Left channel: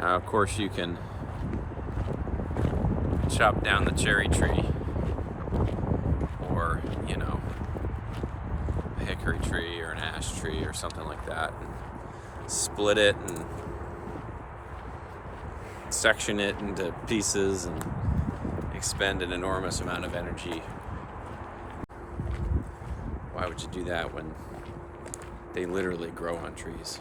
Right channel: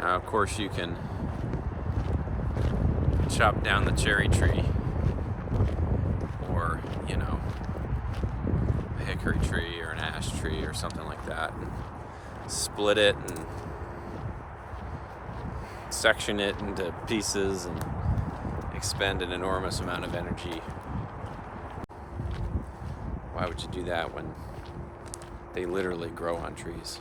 Now, of course, you can chop down the cherry tree, or, you know, a hickory tree or an ash tree or something like that, and split it and section it into pieces and expend an enormous amount of energy. Why would you do that when they literally grow on trees?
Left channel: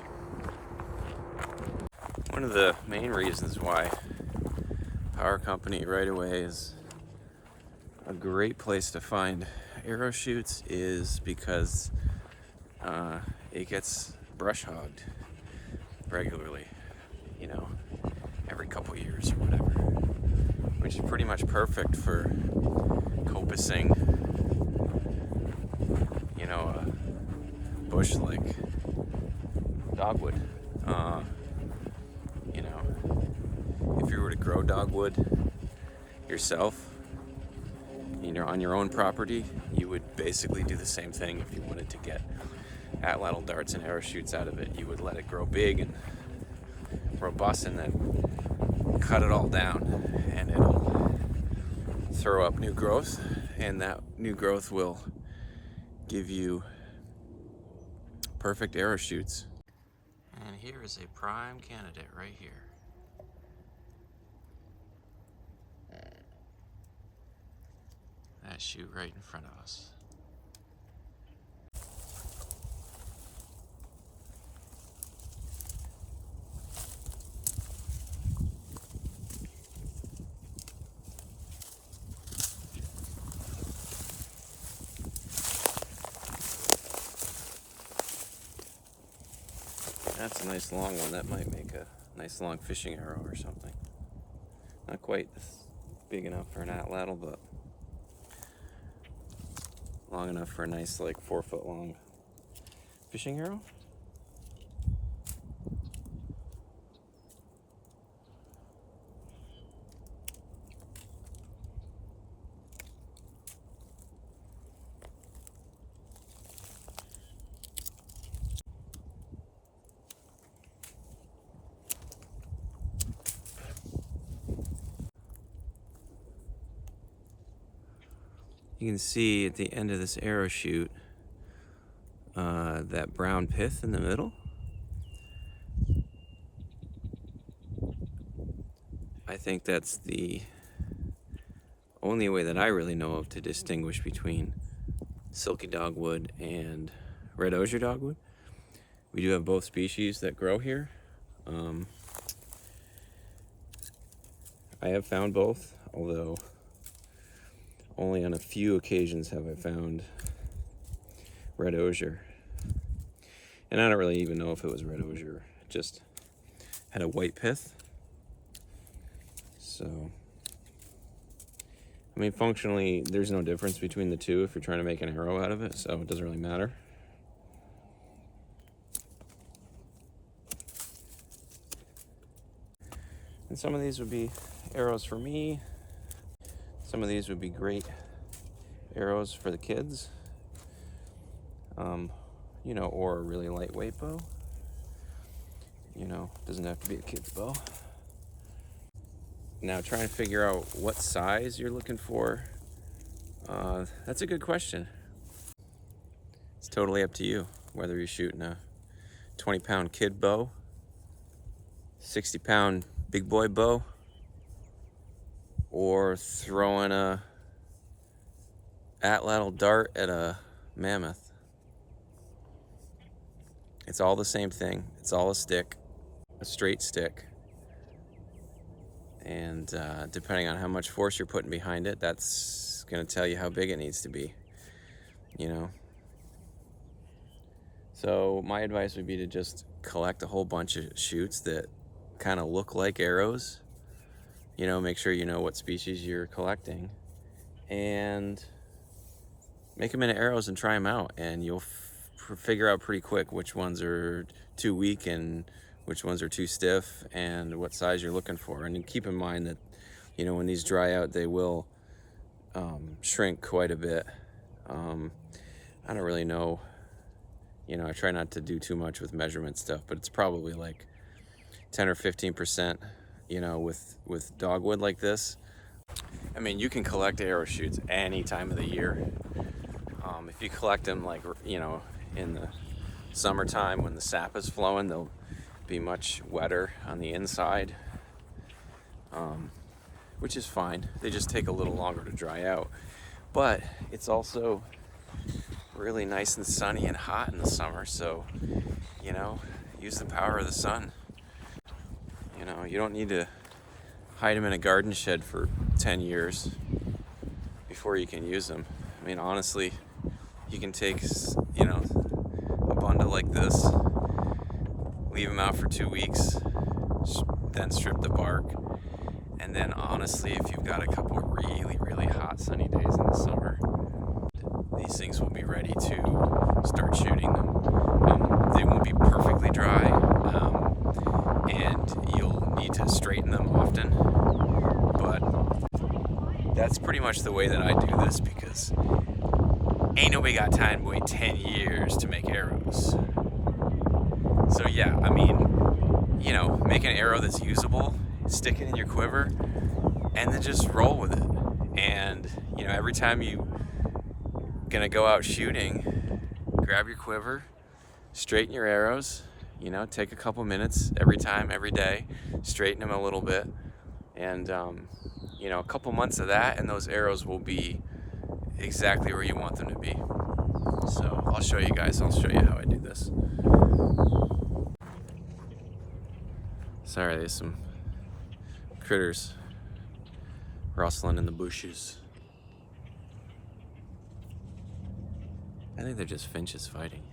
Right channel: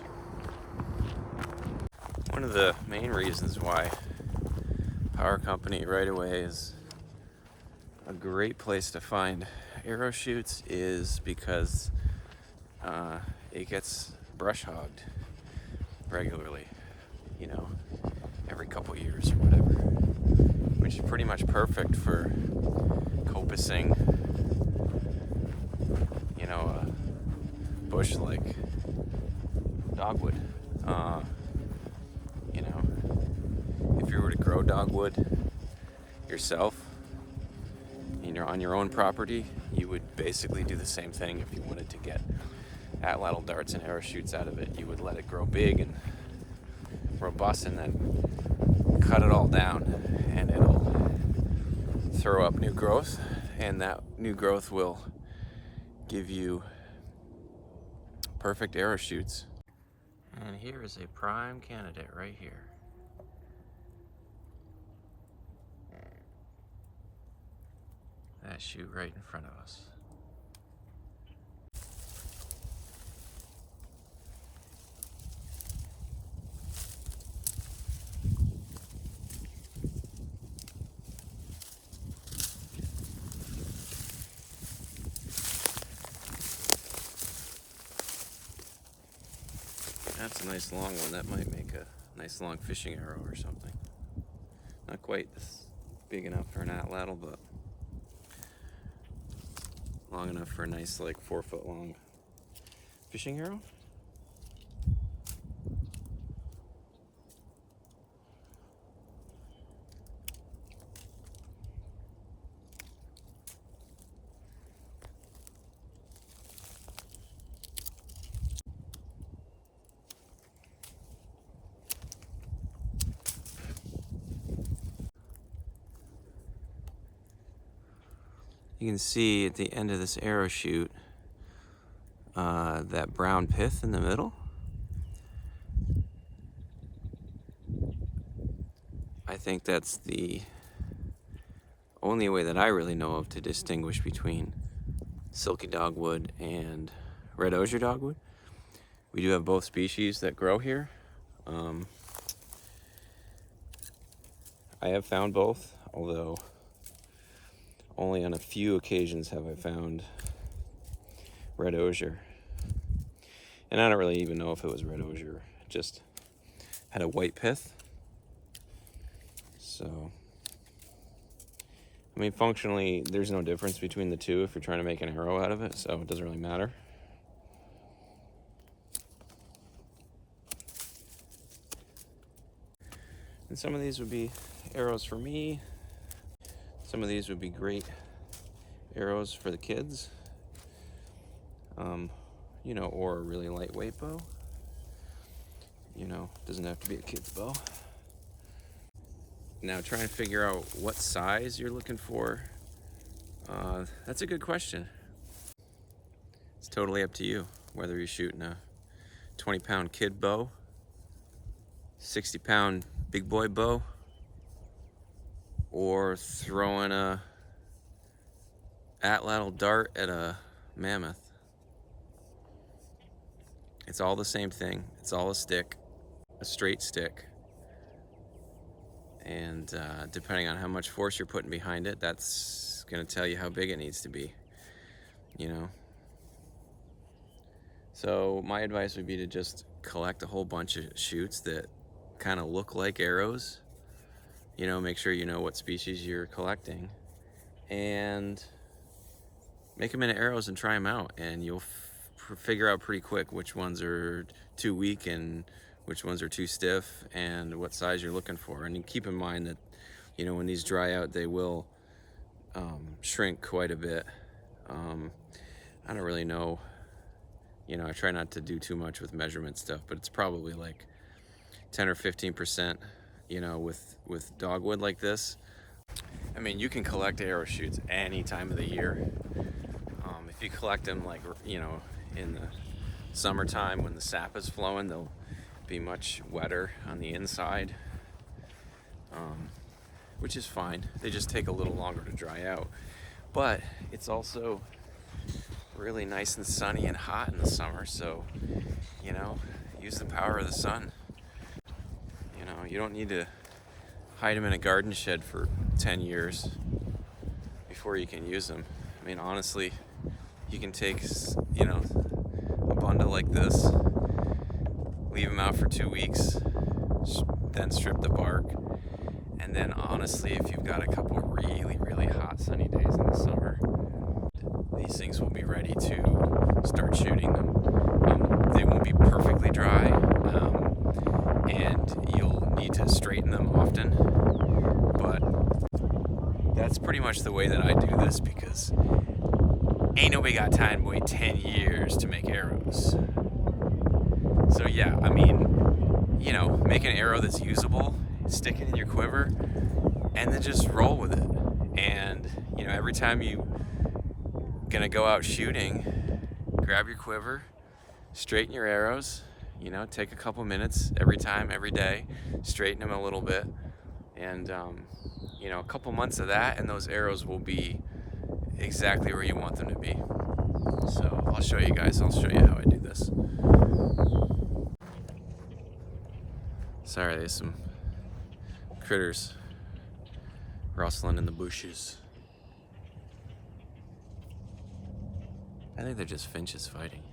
One of the main reasons why power company right away is a great place to find arrow shoots is because it gets brush hogged regularly, you know, every couple years or whatever, which is pretty much perfect for copicing, you know, a bush like dogwood. You know, if you were to grow dogwood yourself, on your own property, you would basically do the same thing if you wanted to get atlatl darts and arrow shoots out of it. You would let it grow big and robust and then cut it all down, and it'll throw up new growth, and that new growth will give you perfect arrow shoots. And here is a prime candidate right here. That shoot right in front of us. That's a nice long one. That might make a nice long fishing arrow or something. Not quite this big enough for an atlatl, but long enough for a nice, like, 4-foot long fishing arrow. You can see at the end of this arrow shoot that brown pith in the middle. I think that's the only way that I really know of to distinguish between silky dogwood and red osier dogwood. We do have both species that grow here. I have found both, although only on a few occasions have I found red osier. And I don't really even know if it was red osier. It just had a white pith. So, I mean, functionally, there's no difference between the two if you're trying to make an arrow out of it, so it doesn't really matter. And some of these would be arrows for me. Some of these would be great arrows for the kids. You know, or a really lightweight bow. You know, doesn't have to be a kid's bow. Now, trying to figure out what size you're looking for, that's a good question. It's totally up to you, whether you're shooting a 20-pound kid bow, 60-pound big boy bow, or throwing a atlatl dart at a mammoth. It's all the same thing. It's all a stick, a straight stick. And depending on how much force you're putting behind it, that's gonna tell you how big it needs to be, you know? So my advice would be to just collect a whole bunch of shoots that kind of look like arrows. You know, make sure you know what species you're collecting, and make them into arrows and try them out, and you'll figure out pretty quick which ones are too weak and which ones are too stiff and what size you're looking for. And keep in mind that, you know, when these dry out, they will shrink quite a bit. I don't really know, you know, I try not to do too much with measurement stuff, but it's probably like 10 or 15%, you know, with dogwood like this. I mean, you can collect arrow shoots any time of the year. If you collect them like, you know, in the summertime when the sap is flowing, they'll be much wetter on the inside, which is fine. They just take a little longer to dry out. But it's also really nice and sunny and hot in the summer, so, you know, use the power of the sun. You know, you don't need to hide them in a garden shed for 10 years before you can use them. I mean, honestly, you can take, you know, a bundle like this, leave them out for 2 weeks, then strip the bark, and then honestly, if you've got a couple really hot sunny days in the summer, these things will be ready to start shooting them. They won't be perfectly dry, and you'll need to straighten them often, but that's pretty much the way that I do this, because ain't nobody got time to wait 10 years to make arrows. So yeah, I mean, you know, make an arrow that's usable, stick it in your quiver, and then just roll with it. And, you know, every time you gonna go out shooting, grab your quiver, straighten your arrows, you know, take a couple minutes every time, every day, straighten them a little bit, and you know, a couple months of that and those arrows will be exactly where you want them to be. So I'll show you guys, I'll show you how I do this. Sorry, there's some critters rustling in the bushes. I think they're just finches fighting.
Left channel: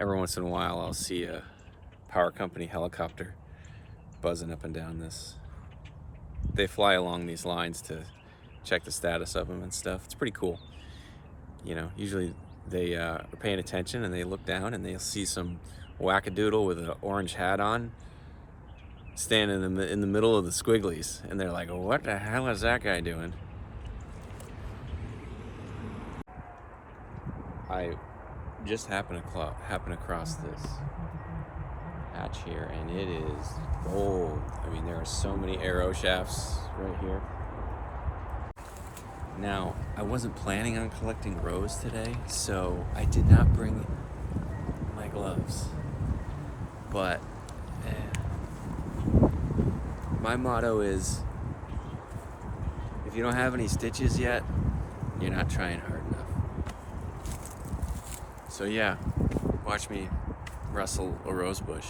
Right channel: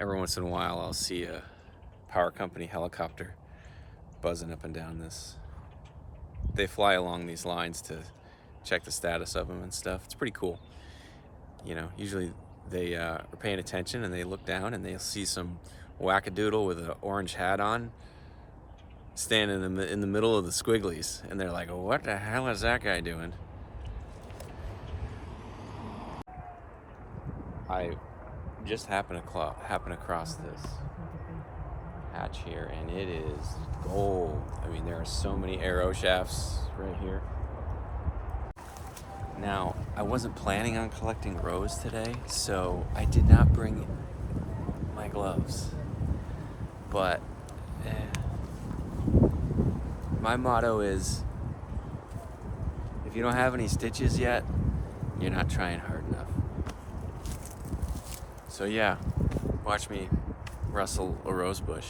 Every once in a while I'll see a power company helicopter buzzing up and down this. They fly along these lines to check the status of them and stuff. It's pretty cool. You know, usually they are paying attention and they look down and they'll see some wackadoodle with an orange hat on standing in the middle of the squigglies, and they're like, what the hell is that guy doing? I just happened across this hatch here, and it is gold. I mean, there are so many arrow shafts right here. Now, I wasn't planning on collecting rows today, so I did not bring my gloves. But my motto is, if you don't have any stitches yet, you're not trying hard enough. So yeah, watch me rustle a rose bush.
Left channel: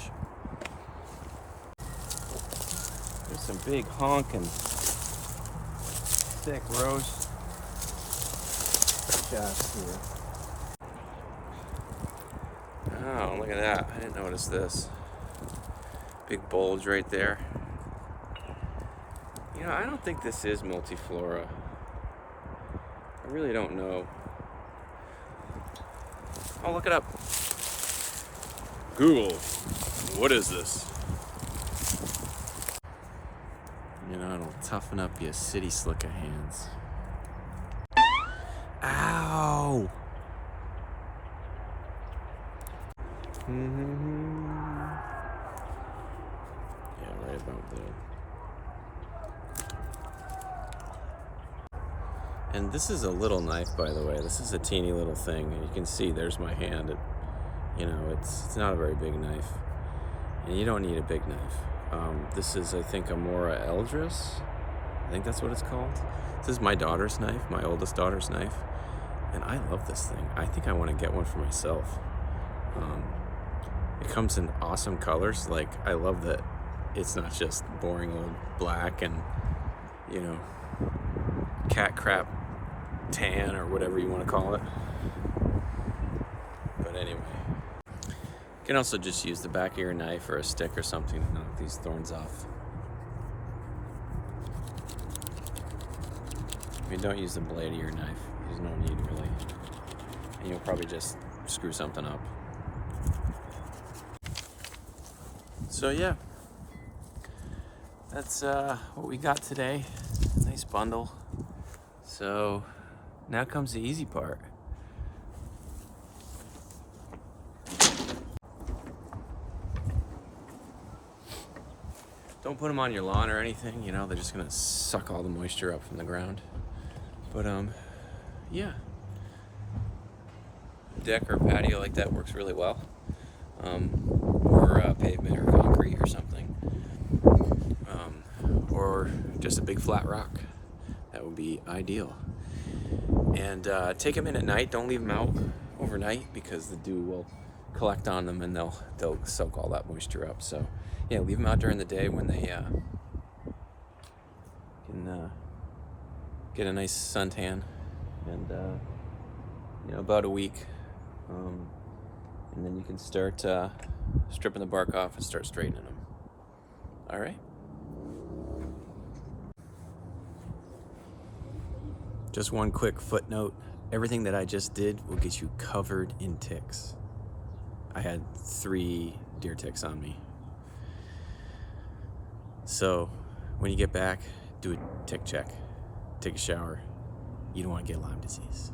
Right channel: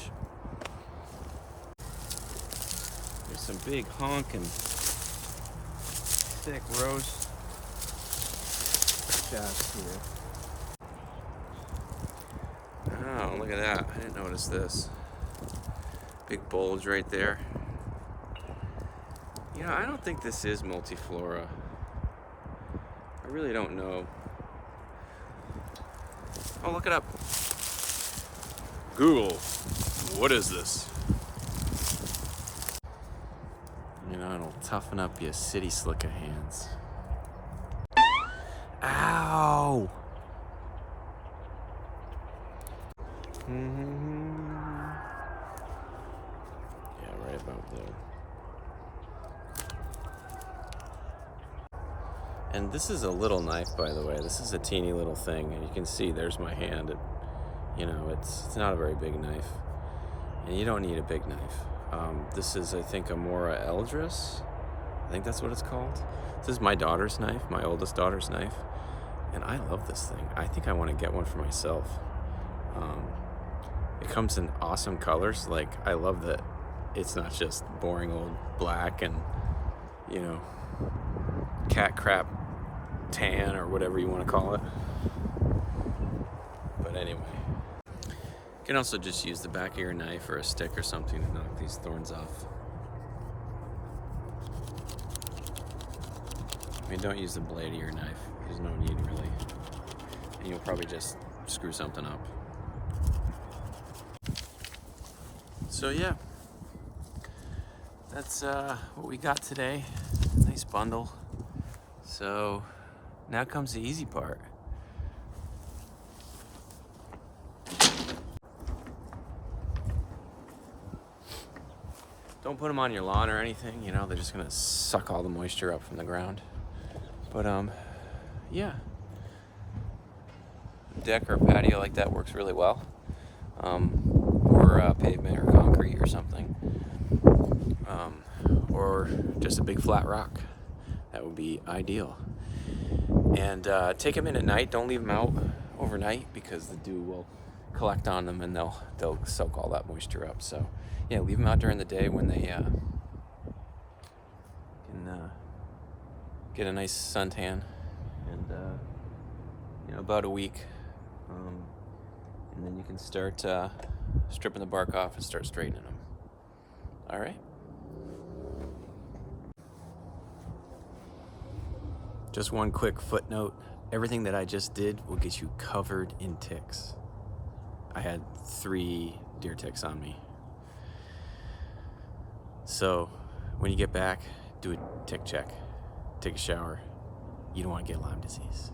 There's some big honking thick rose shafts here. Oh, look at that. I didn't notice this. Big bulge right there. You know, I don't think this is multiflora. I really don't know. Oh, look it up. Google, what is this? You know, it'll toughen up your city slicker hands. Ow! Yeah, right about there. And this is a little knife, by the way. This is a teeny little thing. And you can see there's my hand. You know, it's not a very big knife. And you don't need a big knife. This is, I think, a Mora Eldris. I think that's what it's called. This is my daughter's knife, my oldest daughter's knife. And I love this thing. I think I want to get one for myself. It comes in awesome colors. Like, I love that it's not just boring old black and, you know, cat crap tan or whatever you want to call it. But anyway, you can also just use the back of your knife or a stick or something to knock these thorns off. I mean, don't use the blade of your knife. There's no need, really. And you'll probably just screw something up. So yeah, that's what we got today. Nice bundle. So now comes the easy part. Don't put them on your lawn or anything, you know, they're just gonna suck all the moisture up from the ground. But yeah, deck or patio like that works really well. Or pavement or concrete or something. Or just a big flat rock. That would be ideal. And take them in at night. Don't leave them out overnight because the dew will collect on them and they'll soak all that moisture up. So yeah, leave them out during the day when they can get a nice suntan, and you know, about a week, and then you can start stripping the bark off and start straightening them. All right. Just one quick footnote. Everything that I just did will get you covered in ticks. I had 3 deer ticks on me. So when you get back, do a tick check. Take a shower. You don't want to get Lyme disease.